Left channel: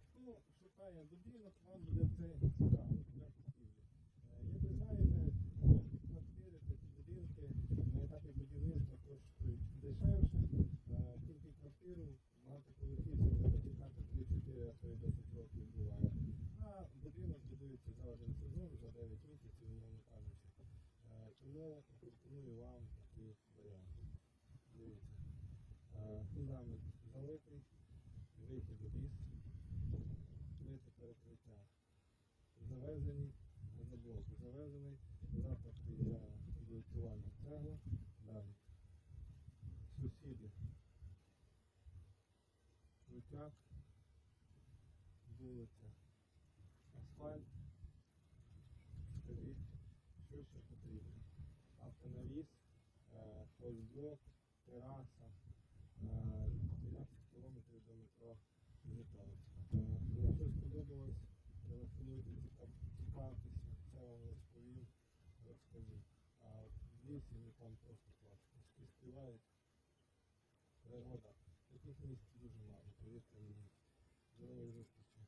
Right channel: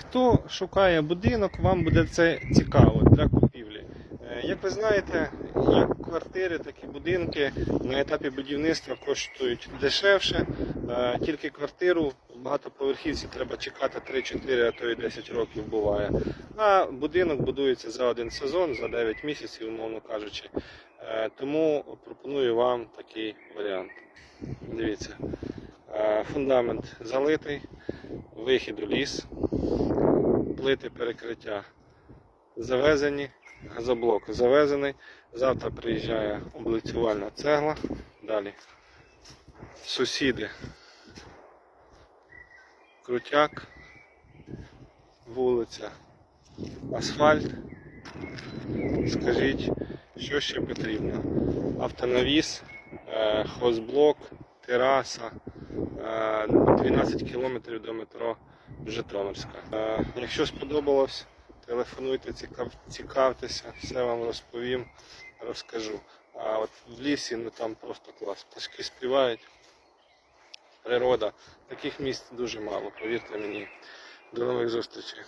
Хто шукає будинок, вам буде це цікаво для купівлі. Е, Як ви знаєте, як квартири, так і будинки на етапі будівництва коштують дешевше. Е, Тільки квартиру в багатоповерхівці треба чекати 3-4, а то і 10 років буває. А будинок будується за один сезон, за 9 місяців, умовно кажучи. Е, Тому пропоную вам такий варіант. Дивіться, фундамент залитий, вихід у ліс, плити перекриття завезені, газоблок завезений. Завтра приїжджає облицювальна цегла. Далі сусіди. Крутяк, вулиця, асфальт. Скажіть, що ще потрібно? Автонавіс, е, хозблок, тераса, е, 12 кілометрів до метро Житомирська. Е, Якщо сподобалось, телефонуйте, цікав, цікавтеся, все вам розповім, розкажу. А от в лісі ну там просто клас. Пташки співають, природа. Таких місць дуже мало, повірте мені. До нових зустрічей.